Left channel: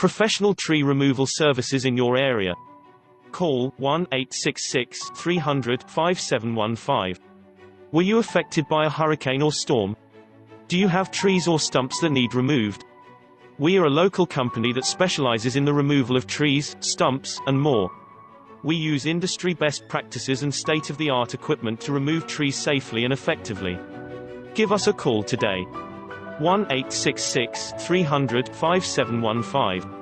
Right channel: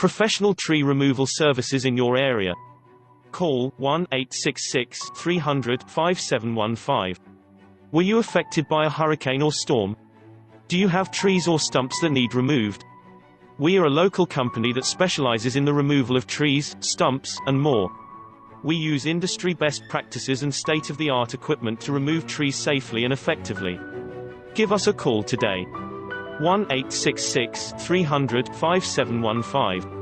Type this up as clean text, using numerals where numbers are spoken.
Professional tree removal services in your area. Call 1-866-300-5715. Were you affected by a hurricane or storm? Do you have trees or stumps that need removed? We are a local company that specializes in the removal of trees, stumps, and more. We use industry best practices and state-of-the-art equipment to remove trees safely and effectively. Give us a call today. 1-866-300-5715.